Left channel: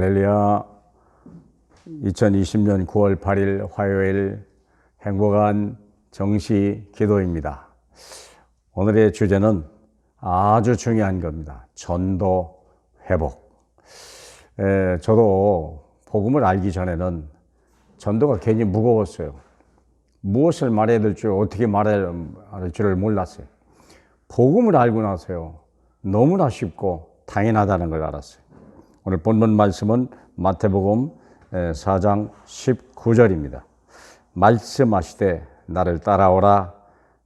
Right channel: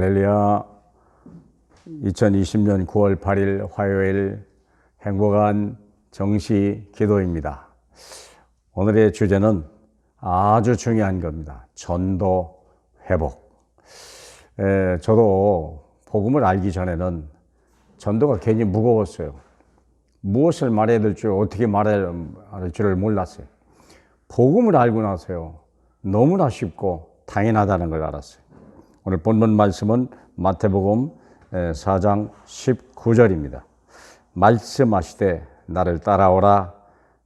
할렐루야. 2020년 9월 8일 화요일 행복한 정시 기도입니다. 오늘의 주제는 아주 중요한 겁니다. 전도 회복. 저도 복음을 알기 전에는 전도가 괜히 무거웠어요. 무엇을 말해야 될지 어떻게 말해야 할지를 몰랐어요. 복음을 알고 나서요, 너무나 쉽고 당연하다는 걸 알았어요. 오늘 본문 말씀은 마태복음 4장 19절입니다. 말씀하시되 나를 따라오라.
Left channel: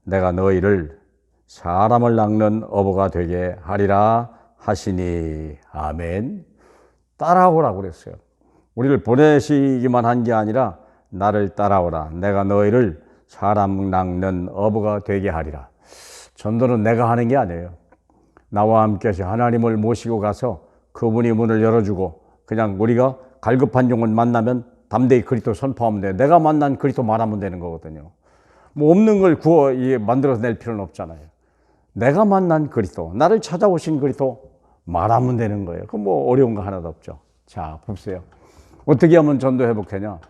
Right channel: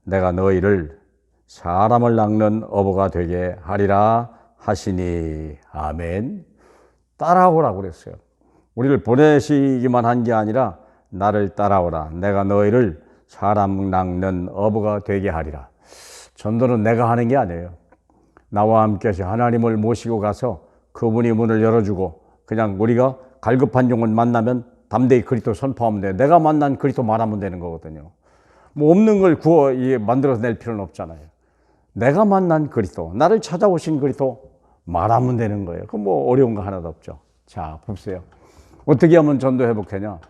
내가 너희를 사람을 낚는 어부가 되게 하리라 하시니. 아멘. 따라오라고 그랬어요. 우리를 보내시기만 한 게 아니라 나를 따라오라. 내가 너희를 사람 낚는 어부가 되게 하리라. 전도는 내가 하는 게 아니에요. 나와 함께 하나님을 모시고 가서 그분이 문을 열어주고 그냥 우리가 갈급한 영혼 만나면 담대히 그리스도 선포하면 돼요. 내가 만난 그리스도 말하면 되는 거거든요. 뭐 없는 걸 만들어서 낼 필요는 없잖아요. 내가 만난 그리스도, 나를 찾아오신 그리스도 말하면 되는 거예요. 그럼 뭐 어려운 거 하나도 없죠. 자, 보세요. 어떻게 하면 전도 회복하냐?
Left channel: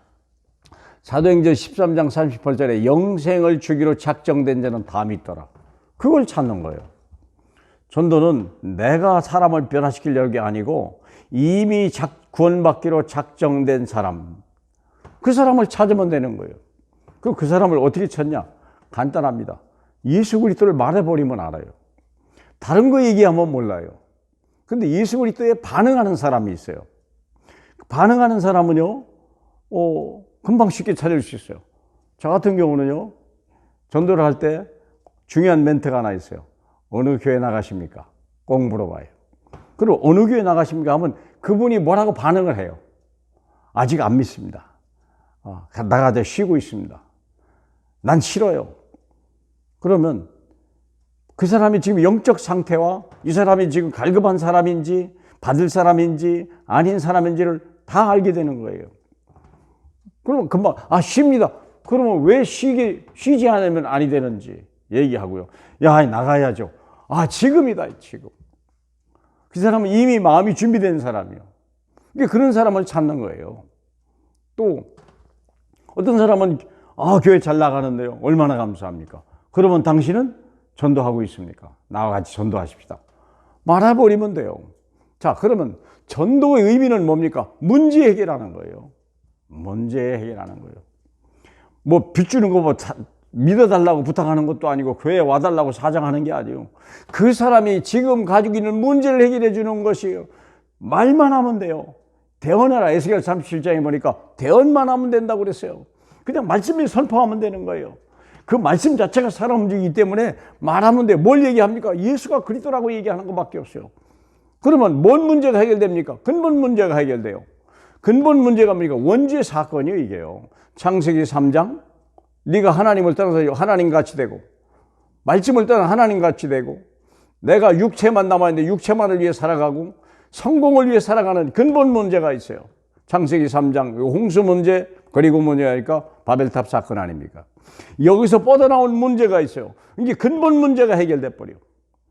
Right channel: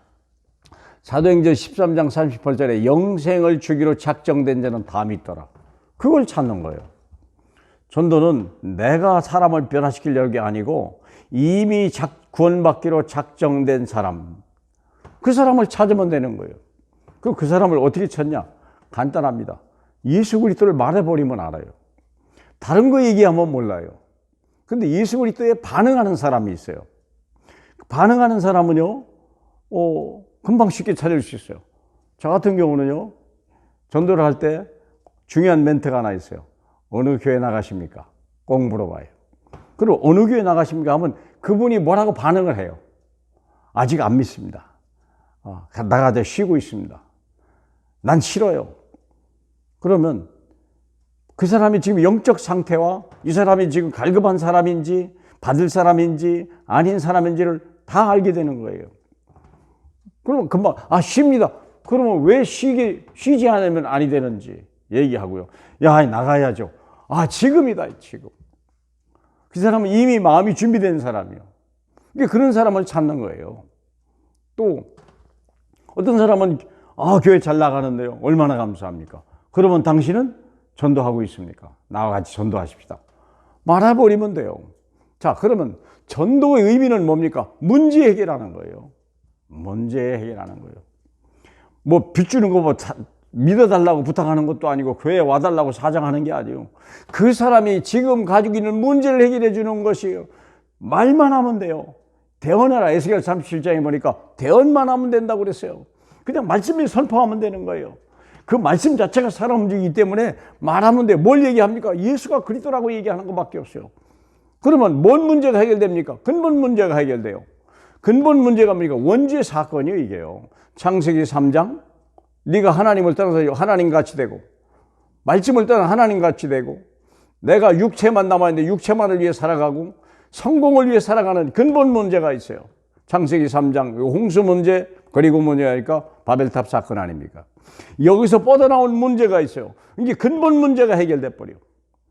사도행전 13장 38절에 영생을 주기로 작정된 자는 다 믿더라. 그걸 찾는 거예요. 전도는 내가 사람을 변화시키려는 게 아니고 이미 구원받기로 작정된 사람, 그 사람을 찾으면 되는 거예요. 그 사람을 어떻게 찾냐? 간단합니다. 예수 그리스도를 말해버리면 알아요. 다른 거 얘기하면 몰라요. 근데 예수 그리스도에 반응하는 사람이 있어요. 반응하는 사람은요, 금방 쉽게 찾을 수 있어요. 저 같은 경우는요, 전도를 할 때 중요한 멘트가 하나 있어요. 어느 교회 나가십니까? 꼭 물어봐요. 그리고 어느 교회 나가십니까? 하면 그분이 뭐라고 반응을 해요. 아직 안 믿습니다. 나가다 쉬고 있습니다. 난 싫어요. 그러면 그 사람이 지금 영적 상태와 이 사람이 지금 갈급한 사람인지 받을 사람인지 아닌 사람인지를 다 알게 되는 거예요. 그러면 금방 쉽니다. 그러면 왜 쉬지 않으면 아니 되는지 얘기하고요. 야, 나가야죠. 지금이다, 지금. 그 사람은 이미 마음이 준비된 사람이요. 그러니까 그런 사람을 찾는 거예요. 또 어떤 사람은 교회 잘 나가는데요. 얼마나 감사합니까? 그러면 당신은 전도하고 있습니까? 나와 같이 전도하십시다. 말해버리면 돼요. 자, 그러면 전도의 의미는 뭡니까? 문제 해결하는 거예요. 문제 해결하는 거예요. 뭐 빚주는 거 믿어달라고 부탁하는 것도 아니고 교회에 와달라고 사정하는 게 아니에요. 그 사람이 지금 가지고 있는 문제를 해결해 주는 것이에요. 말만 하면 돼요. 대언하라. 에스겔 37장에 보니까 대언만 하면 된다고 그랬어요. 그냥 말씀을 선포하면 되는 거예요. 그 말씀 자체가 사람 움직이기 때문에 말하면 돼요. 뭘 얘기합니까? 예수가 그리스도라고 얘기하는 것밖에 없어요. 그러면 뭔 문제가 해결됩니까? 근본 문제가 해결돼요. 근본 문제가 뭡니까? 원죄 사건이에요, 이게요. 창세기 3장. 네가 하나님을 떠나서 하나님같이 되고 말씀을 떠나 하나님같이 되고 내가 육체만 남아있는데 육체만을 위해 살아가고 성공을 위해 살아가는 근본 문제가 있어요. 창세기 3장 홍수 문제 그리고 뭐냐니까 바벨탑 사건 아닙니까? 여기서 뻗어나온 문제가 있어요. 이게 근본 문제가 해결돼 버려요.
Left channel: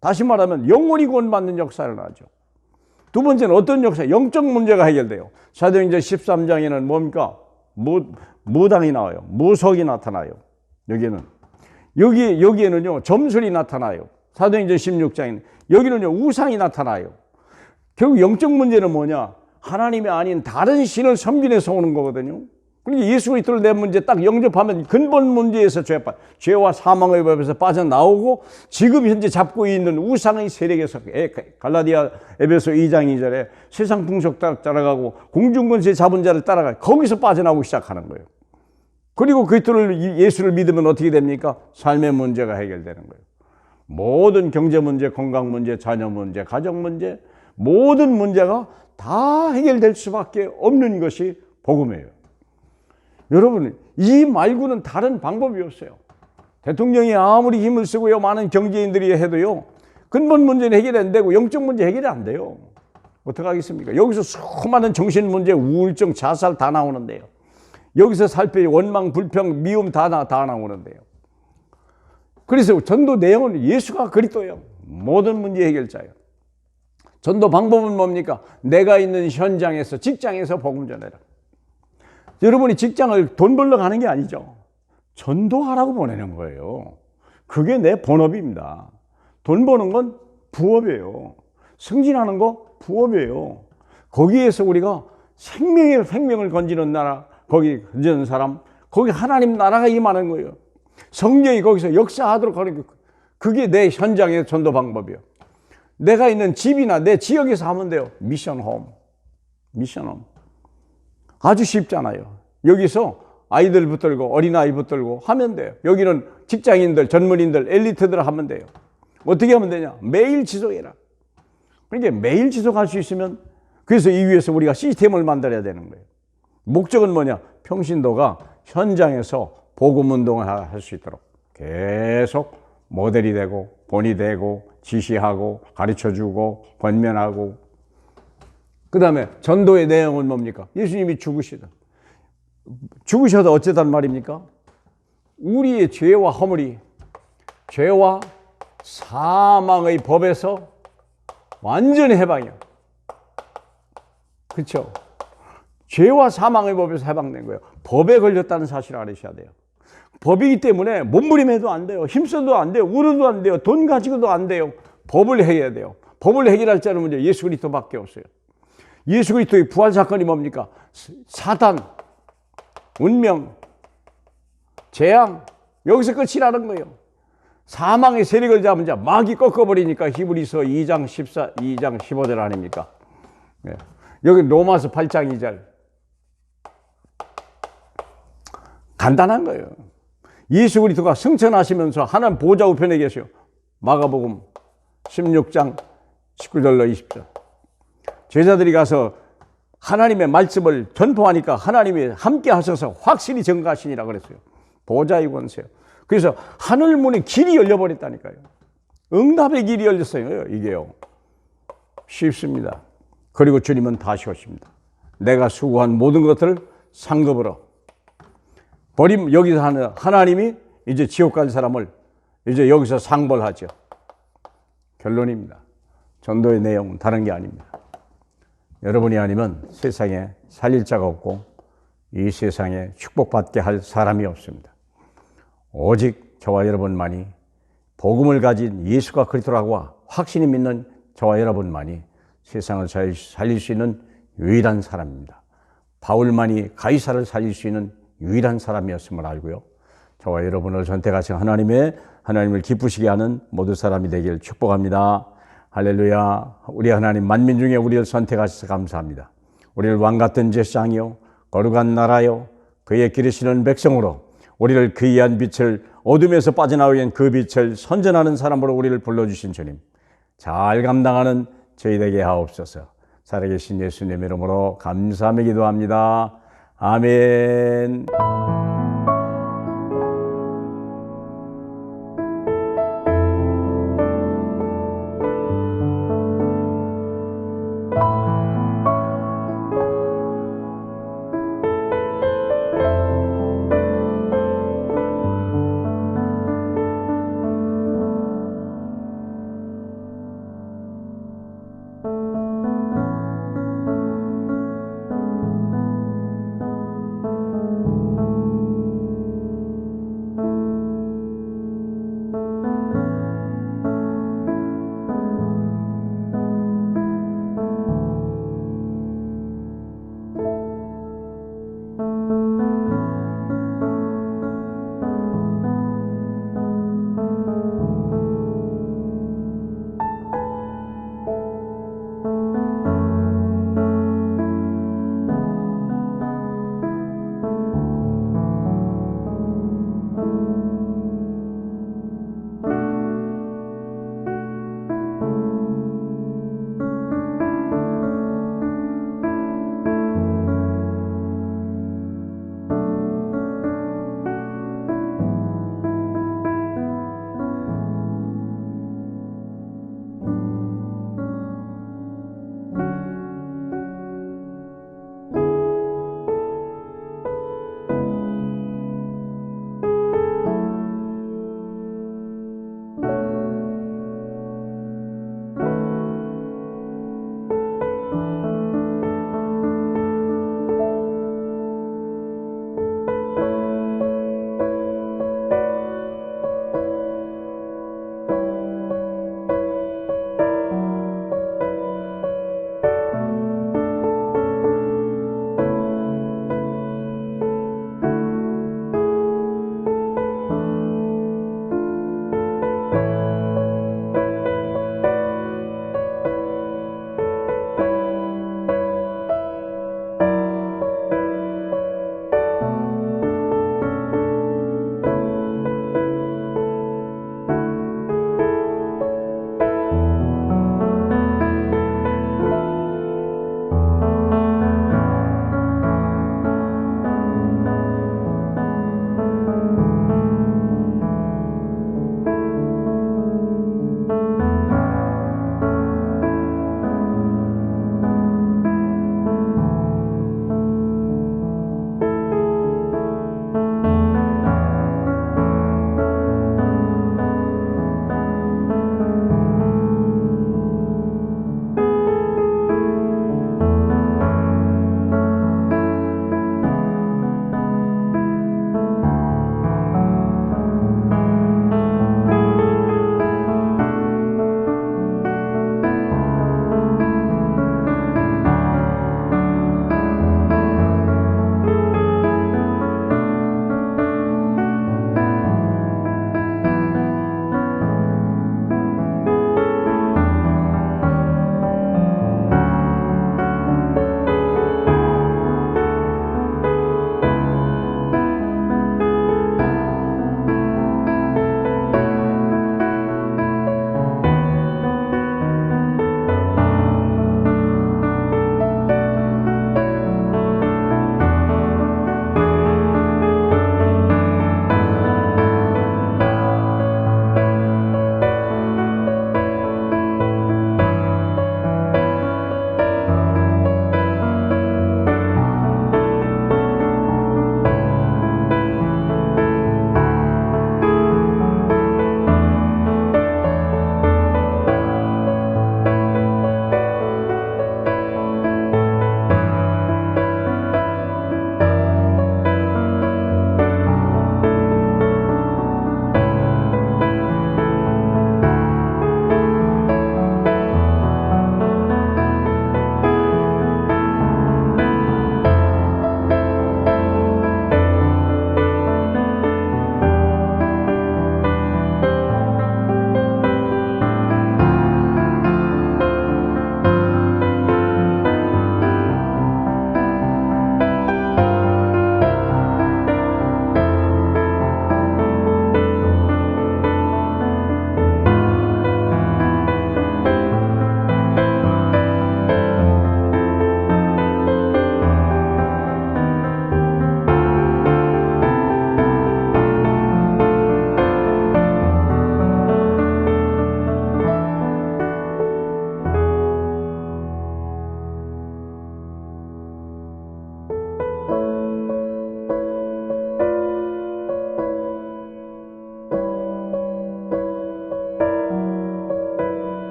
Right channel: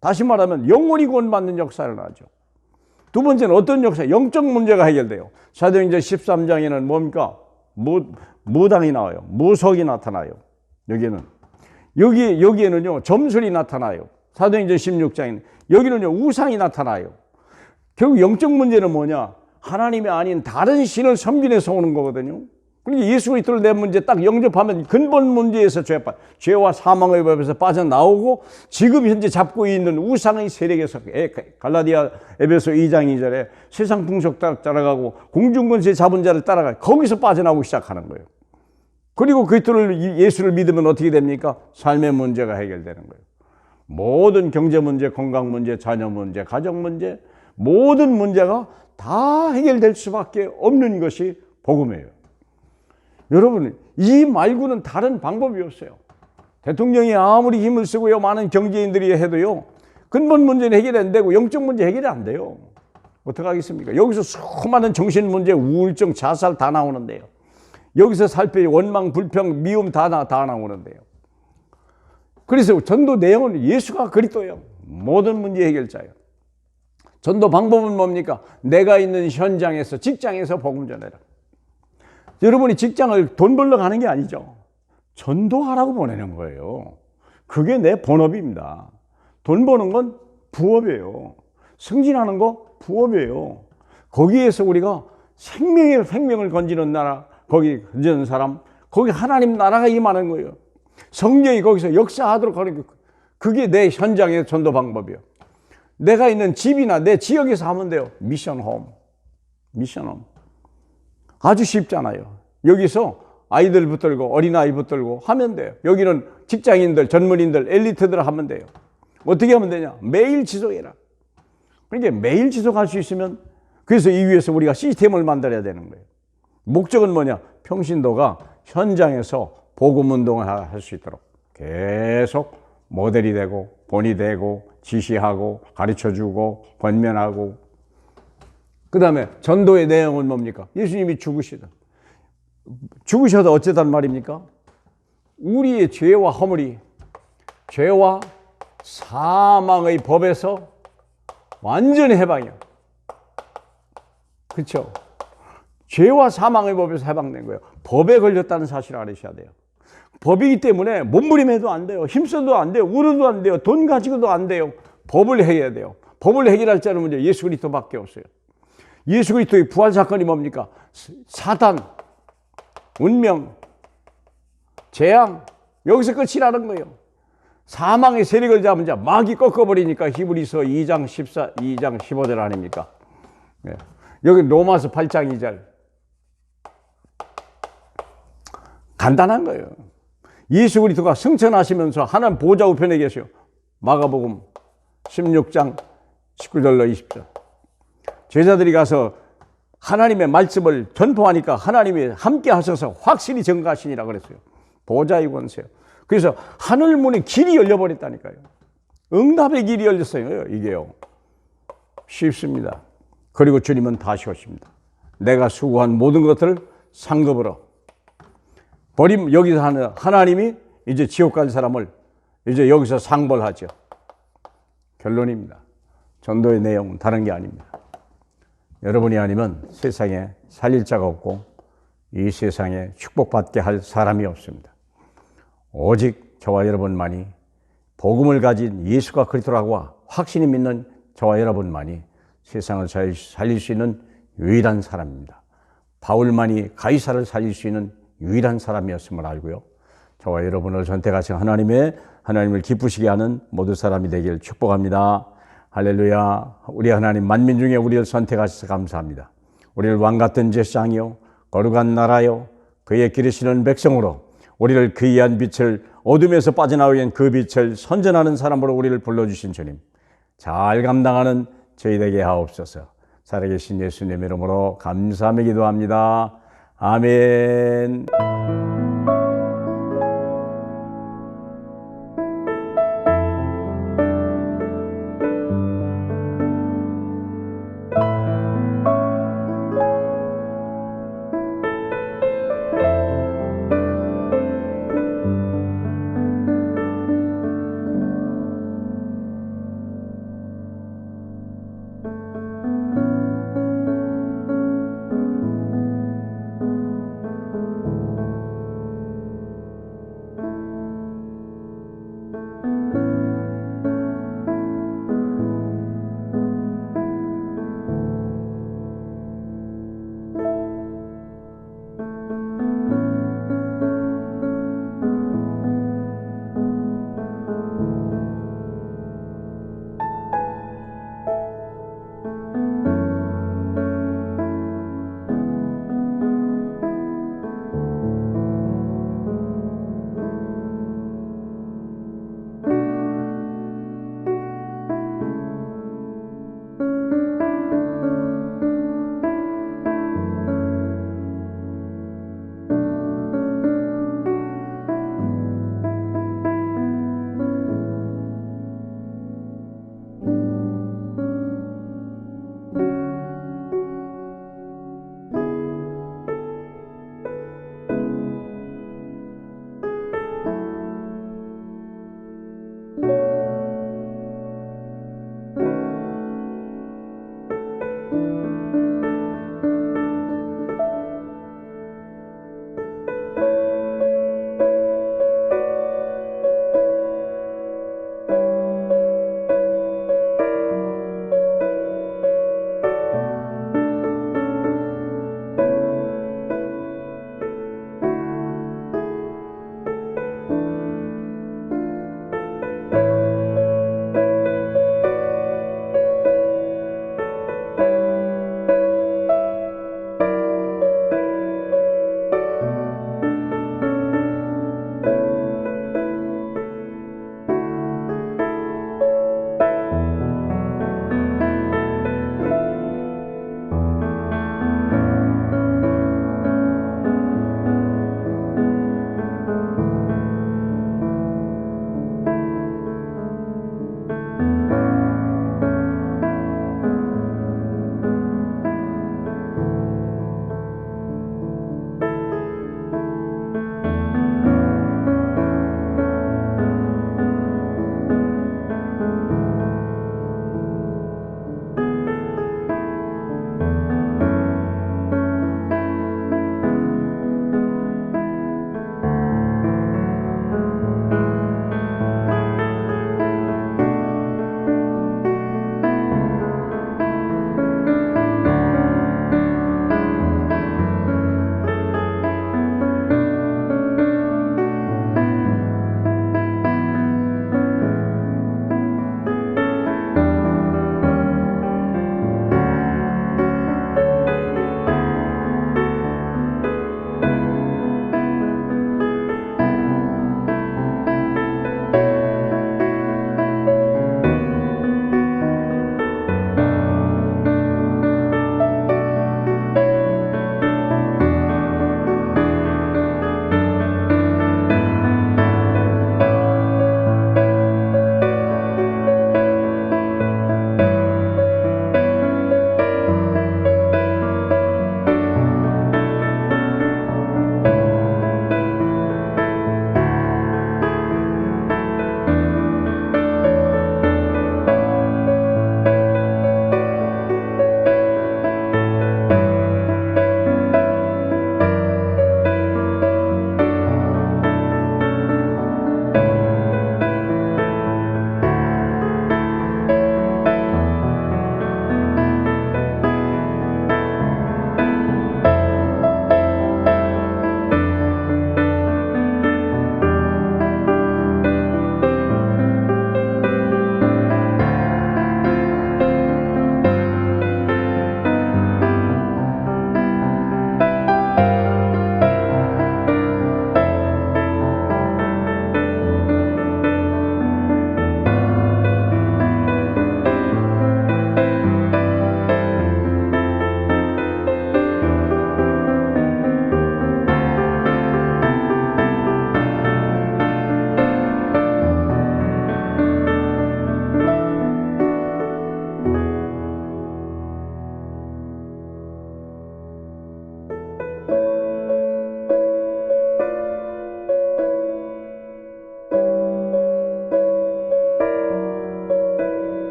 다시 말하면 영혼이 구원받는 역사를 하죠. 두 번째는 어떤 역사? 영적 문제가 해결돼요. 사도행전 13장에는 뭡니까? 무당이 나와요. 무속이 나타나요. 여기에는요, 점술이 나타나요. 사도행전 16장에는 여기는요, 우상이 나타나요. 결국 영적 문제는 뭐냐? 하나님이 아닌 다른 신을 섬기면서 오는 거거든요. 그러니까 예수 그리스도를 내 문제 딱 영접하면 근본 문제에서 죄와 사망의 법에서 빠져나오고 지금 현재 잡고 있는 우상의 세력에서 갈라디아 에베소 2장 2절에 세상 풍속 따라가고 공중권세 잡은 자를 따라가 거기서 빠져나오기 시작하는 거예요. 그리고 예수를 믿으면 어떻게 됩니까? 삶의 문제가 해결되는 거예요. 모든 경제 문제, 건강 문제, 자녀 문제, 가정 문제, 모든 문제가 다 해결될 수밖에 없는 것이 복음이에요. 여러분, 이 말고는 다른 방법이 없어요. 대통령이 아무리 힘을 쓰고요, 많은 경제인들이 해도요, 근본 문제는 해결이 안 되고 영적 문제 해결이 안 돼요. 어떡하겠습니까? 여기서 수많은 정신 문제, 우울증, 자살 다 나오는데요. 여기서 살펴 원망, 불평, 미움 다 나오는데요. 그래서 전도 내용은 예수가 그리스도예요. 모든 문제 해결자예요. 전도 방법은 뭡니까? 내가 있는 현장에서, 직장에서 복음 전해라. 여러분이 직장을 돈 벌러 가는 게 아니죠. 전도하라고 보내는 거예요. 그게 내 본업입니다. 돈 버는 건 부업이에요. 승진하는 거 부업이에요. 거기에서 우리가 생명을 건지는 나라, 거기 건지는 사람, 거기 하나님 나라가 임하는 거예요. 성령이 거기서 역사하도록 하는 게, 그게 내 현장의 전도 방법이에요. 내가 있는 집이나 내 지역에서 하면 돼요. 미션홈. 아주 쉽잖아요. 여기서 아이들 붙들고 어린아이 붙들고 하면 돼요. 여기는 직장인들, 전문인들, 엘리트들 하면 돼요. 어떻게 하면 되냐? 매일 지속해라. 그러니까 매일 지속할 수 있으면, 그래서 이 위해서 우리가 시스템을 만들어야 되는 거예요. 목적은 뭐냐? 평신도가 현장에서 복음 운동을 할 수 있도록 계속 모델이 되고 본이 되고 지시하고 가르쳐주고 권면하고. 그 다음에 전도의 내용은 뭡니까? 예수님이 죽으셔도 어쩌단 말입니까? 우리의 죄와 허물이, 죄와 사망의 법에서 완전히 해방이야. 그렇죠? 죄와 사망의 법에서 해방된 거예요. 법에 걸렸다는 사실을 알으셔야 돼요. 법이기 때문에 몸부림해도 안 돼요. 힘써도 안 돼요. 울어도 안 돼요. 돈 가지고도 안 돼요. 법을 해야 돼요. 법을 해결할 자는 문제 예수 그리스도밖에 없어요. 예수 그리스도의 부활 사건이 뭡니까? 사단, 운명, 재앙, 여기서 끝이라는 거예요. 사망의 세력을 잡은 자, 마귀 꺾어버리니까 히브리서 2장 15절 아닙니까? 네. 여기 로마서 8장 2절. 간단한 거예요. 예수 그리스도가 승천하시면서 하나님 보좌 우편에 계셔요. 마가복음 16장 19절로 20절. 제자들이 가서 하나님의 말씀을 전포하니까 하나님이 함께 하셔서 확실히 증거하시니라 그랬어요. 보좌의 권세요. 그래서 하늘 문의 길이 열려버렸다니까요. 응답의 길이 열렸어요. 이게요. 쉽습니다. 그리고 주님은 다시 오십니다. 내가 수고한 모든 것들을 상급으로 버림, 여기서 하는 하나님이 이제 지옥 갈 사람을 이제 여기서 상벌하죠. 결론입니다. 전도의 내용은 다른 게 아닙니다. 여러분이 아니면 세상에 살릴 자가 없고 이 세상에 축복받게 할 사람이 없습니다. 오직 저와 여러분만이 복음을 가진 예수가 그리스도라고 확신이 믿는 저와 여러분만이 세상을 살릴 수 있는 유일한 사람입니다. 바울만이 가이사를 살릴 수 있는 유일한 사람이었음을 알고요. 저와 여러분을 선택하신 하나님을 기쁘시게 하는 모든 사람이 되길 축복합니다. 할렐루야. 우리 하나님 만민 중에 우리를 선택하셔서 감사합니다. 우리를 왕같은 제사장이요 거룩한 나라요 그의 기르시는 백성으로 우리를 그 귀한 빛을 어둠에서 빠져나오게 한 그 빛을 선전하는 사람으로 우리를 불러주신 주님, 잘 감당하는 저희 되게 하옵소서. 살아계신 예수님 이름으로 감사하며 기도합니다. 아멘.